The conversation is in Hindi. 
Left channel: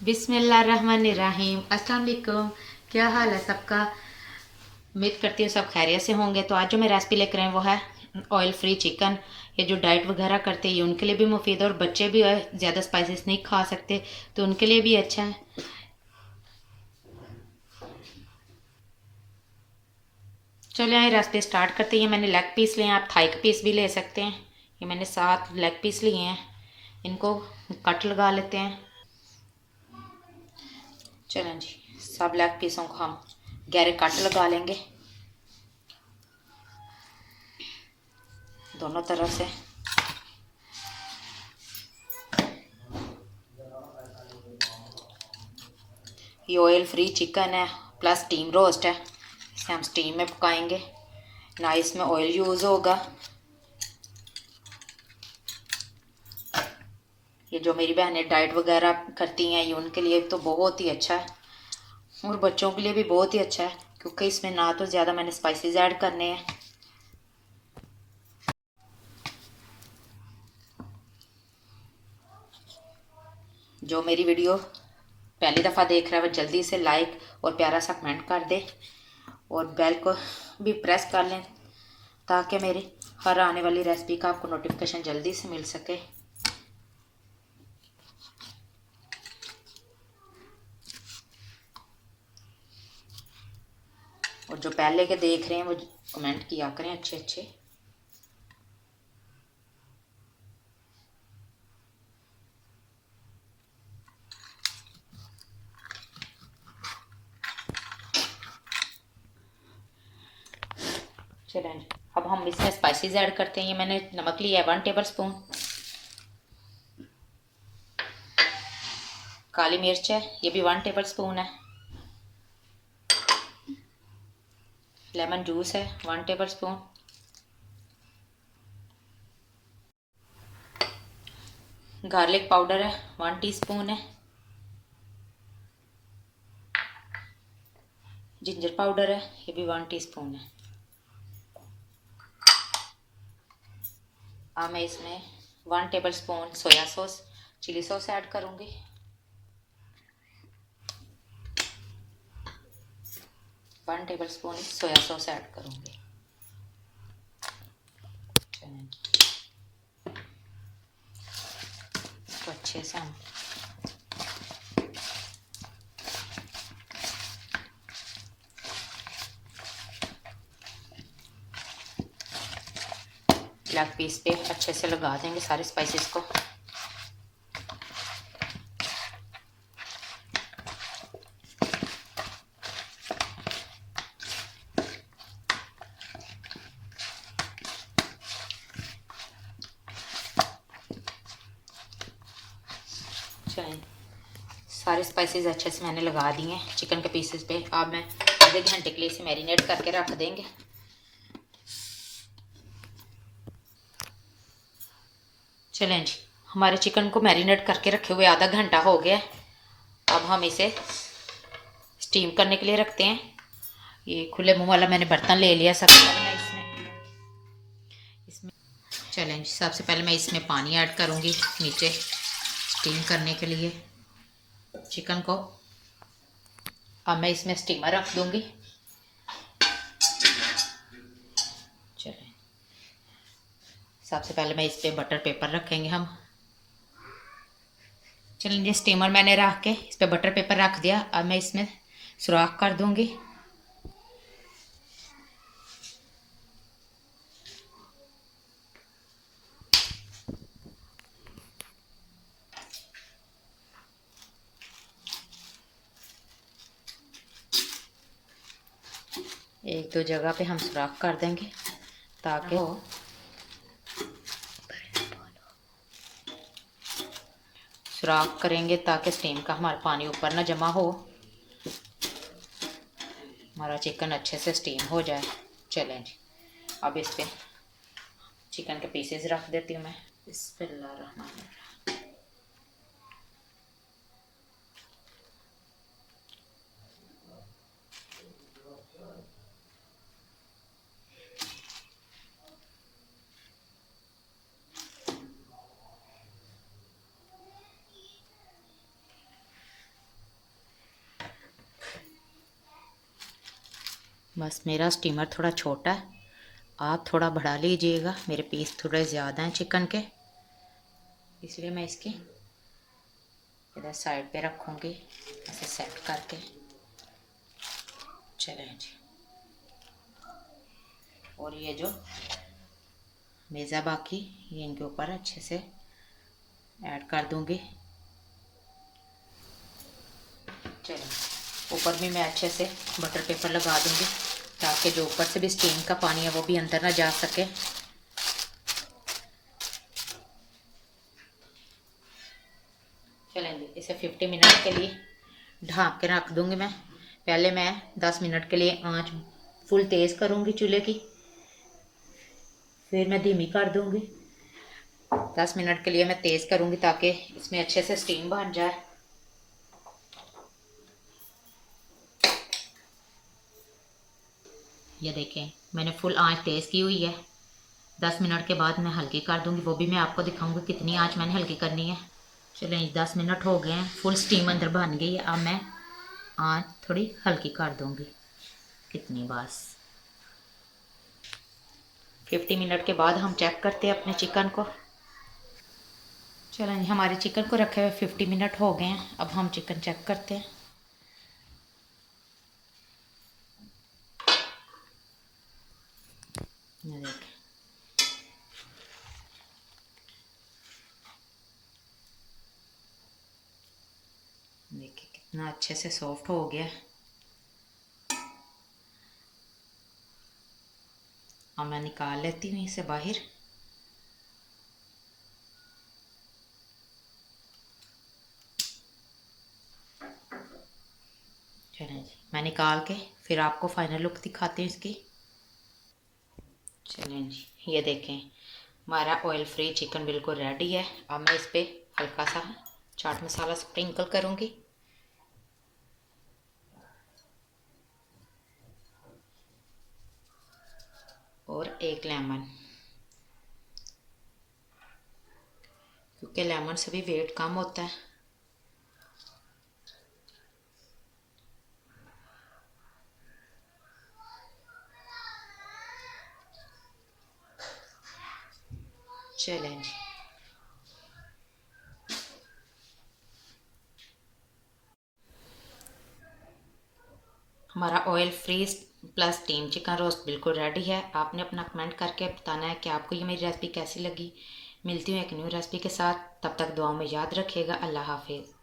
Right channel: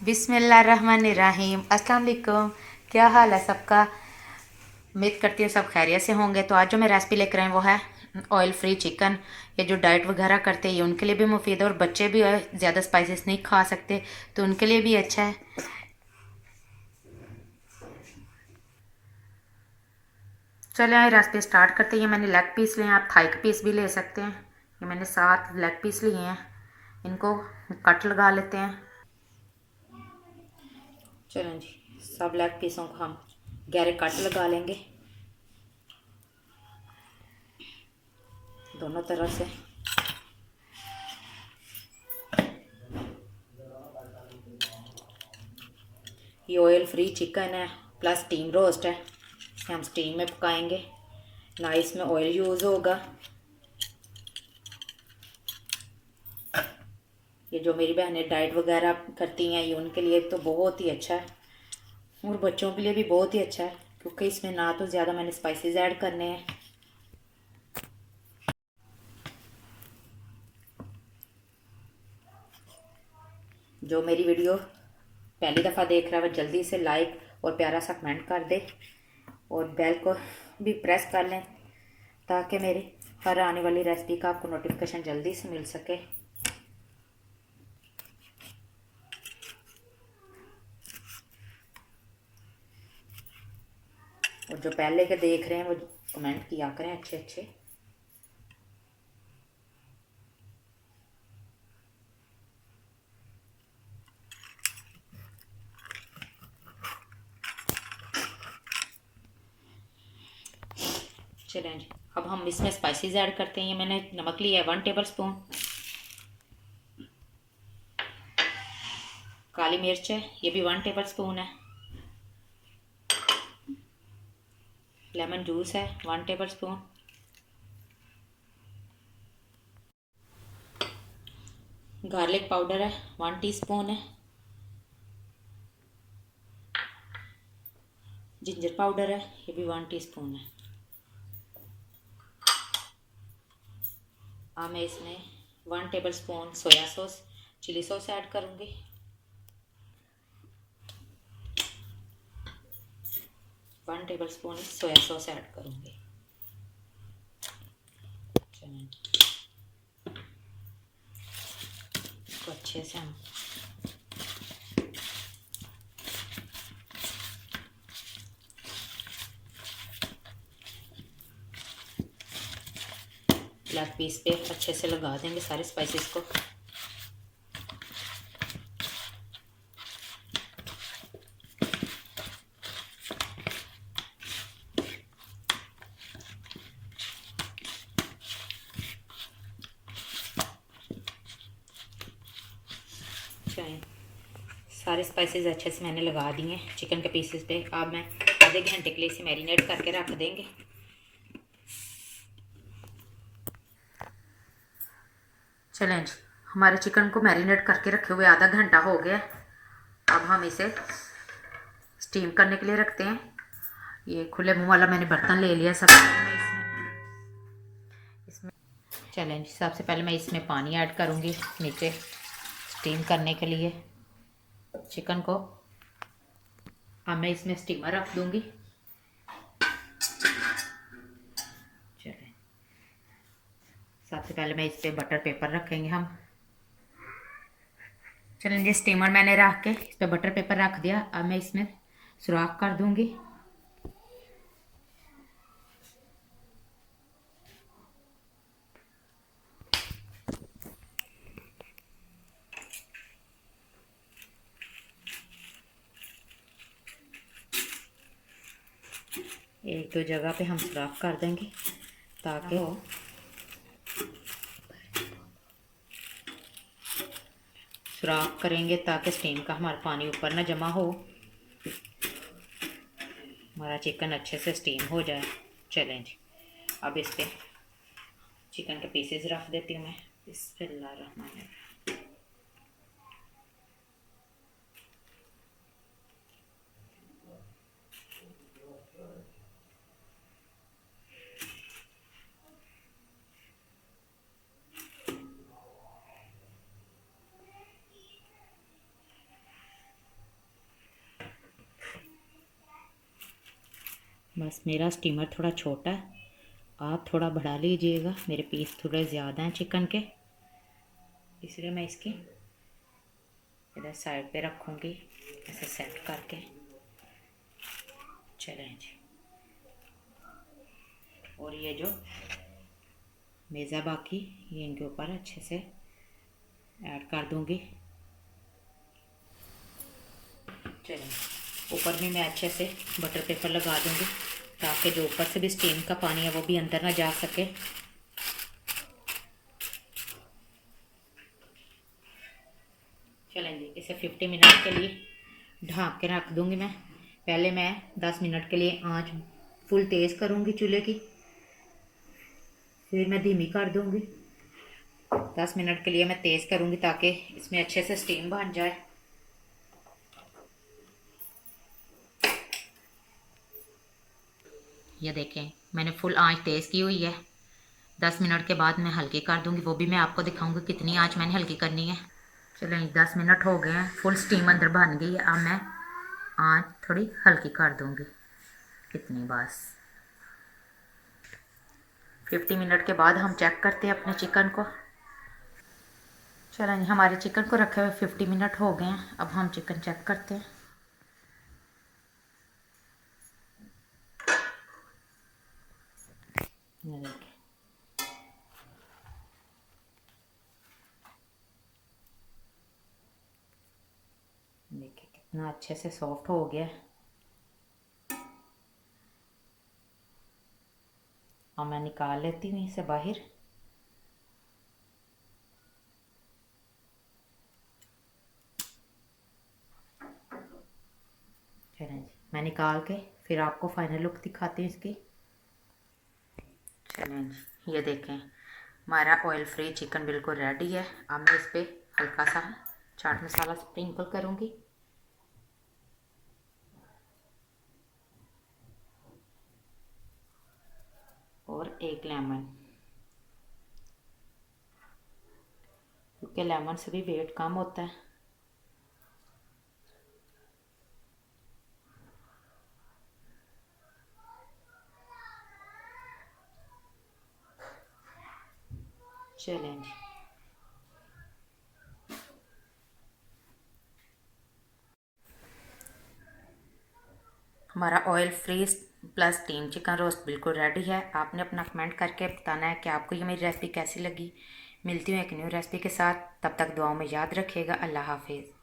बिस्मिल्लाहिर्रहमानिर्रहीम। अस्सलाम वालेकुम। क्या हाल है सबका? उम्मीद करती हूँ सब खैरियत से होंगे। तो आज जो मैं रेसिपी लेकर आई वो है ऑयल फ्री चिकन। ये जो डाइट वगैरह करते हैं ये उनके लिए भी मुफीद है, और बच्चे भी ज़्यादा स्पाइसेस नहीं खा सकते तो उनके लिए भी अच्छा है। चलिए आइए रेसिपी स्टार्ट करते हैं। ये मैंने लेग पीस लिए हैं, आप थाई का पीस भी ले सकते हैं। ये मैंने 7 लेग पीस लिए हैं, इनको कट लगा लेते हैं। चलें जी, सब लेग पीसों को हम गहरे कट लगा लेंगे दोनों तरफ से। ये ऑयल फ्री चिकन है प्लस स्टीम रोस्ट है, इसे हम स्टीम में पकाएंगे, ना इसमें ऑयल यूज़ होगा। ये जो मेरी बहनें डाइट वगैरह करती हैं ये उनके लिए तो बहुत ही अच्छा है, और बच्चों के लिए भी बहुत ही अच्छा है, क्योंकि इसमें ना तो ज़्यादा मैंने स्पाइसेस ऐड करने हैं। जो मेरी वीडियो पहली दफ़ा देख रहा है वो जल्दी से लाइक और प्यारा सा कमेंट कर दे, और बेल को भी प्रेस कर लें ताकि मेरी हर आने वाली रेसिपी का आपको नोटिफिकेशन जल्दी से मिल सके। और जो पहले के देख रहे हैं वो कमेंट किया करें अच्छे अच्छे। चलें, अब हम इसमें स्पाइसेस ऐड करते हैं। ये मैंने नमक लिया है 1 टेबल स्पून, काली मिर्च है ये भी 1 टेबल स्पून है, लेमन जूस है 1 टेबल स्पून, गार्लिक पाउडर है 1 टीस्पून है, जिंजर पाउडर है ये भी 1 टीस्पून है। अब मैं इसमें 1 tablespoon soya sauce chilli sauce add करूँगी, 1 tablespoon soya sauce add करूँगी। तो अच्छे से हम लेग पीस पे अच्छे से लगा देंगे सारे स्पाइसेस को। सारे स्पाइसेस अच्छे से मैंने लगा दिए हैं चिकन के पीसेस पे। अब मैं आधे घंटे के लिए इसे मैरिनेट करके रख देंगे। चलें जी, हमारे चिकन को मैरिनेट करके रखे हुए आधा घंटा हो गया। अब हम इसे स्टीम करने के लिए रखते हैं। ये खुले मुंह वाला मैंने बर्तन ले लिया। सबसे पहले मैं इसमें चलें जी, सबसे पहले मैं इसमें पानी ऐड करूँगी नीचे स्टीम करने के लिए चिकन को। अब मैं इसमें स्टीमर रख दूँगी। चलें, सबसे पहले मैं इस पर बटर पेपर रखेंगे हम। चलें जी, स्टीमर मैंने रख के इस पर बटर पेपर रख दिया। अब मैं इसमें सुराख कर दूँगी। एक दो जगह पे हम सुराख कर देंगे ताकि सुराख करेंगे ताकि स्टीम का हमारा पानी ऊपर ना जमा हो, हमारा चिकन अच्छे से स्टीम हो जाए। चलें जी, अब इस पे चिकन के पीसेस रख देती हूँ मैं। बिस्मिल्लाहिर्रहमानिर्रहीम। बस मेरा स्टीमर थोड़ा छोटा है, आप थोड़ा बढ़ा लीजिएगा, मेरे पीस थोड़े ज़्यादा हैं चिकन के, इसलिए मैं इसकी इधर साइड पे रखूँगी ऐसे सेट करके। चलें जी, और ये जो मेज़ा बाकी ये इनके ऊपर अच्छे से ऐड कर दूँगी। चलिए ऊपर भी मैं अच्छे से बटर पेपर लगा दूँगी ताकि जो ऊपर से भी स्टीम का पानी है वो भी अंदर ना जा सके। चलें जी, इसे 50 मिनट के लिए ढक के रख दूँगी मैं। पहले मैं 10 मिनट के लिए आंच फुल तेज़ करूँगी चूल्हे की, फिर मैं धीमी कर दूँगी। 10 मिनट के लिए मैं तेज़ करूँगी ताकि इसमें अच्छे से स्टीम बन जाए। ये देखें मैंने फुल आंच तेज़ की हुई है। 10 मिनट के बाद मैं हल्की कर दूँगी, वो भी मैं आपको दिखाऊँगी कितनी आंच मैंने हल्की करनी है। चलें 10 मिनट हो गए हैं, फुल स्टीम अंदर बन गई है। अब मैं आंच थोड़ी हल्की कर दूँगी, कितनी बस। 50 मिनट के बाद हम चेक करते हैं अपने चिकन को। चलें हमारे चिकन को रखे हुए 50 मिनट हो गए हैं, अब हम चिकन चेक करते हैं। ये देखें देखिए कितना अच्छे से सॉफ्ट हो गया। अब मैं निकाल लेती हूँ इसे बाहर। चलें जी, मैं निकाल के फिर आपको फाइनल लुक दिखाती हूँ इसकी। चलें जी, ये देखें हमारा ऑयल फ्री चिकन बिल्कुल रेडी है। अब मैं इस पर हल्का सा चाट मसाला स्प्रिंकल करूँगी। और एक लेमन, क्योंकि लेमन से भी वेट कम होता है। चलें जी, हमारा oil free plus steam chicken roast बिल्कुल रेडी है। आपने अपना कमेंट करके बताना है कि आपको ये मेरी रेसिपी कैसी लगी। मिलती हूँ एक न्यू रेसिपी के साथ, तब तक दुआओं में याद रखिएगा। अल्लाह हाफिज़।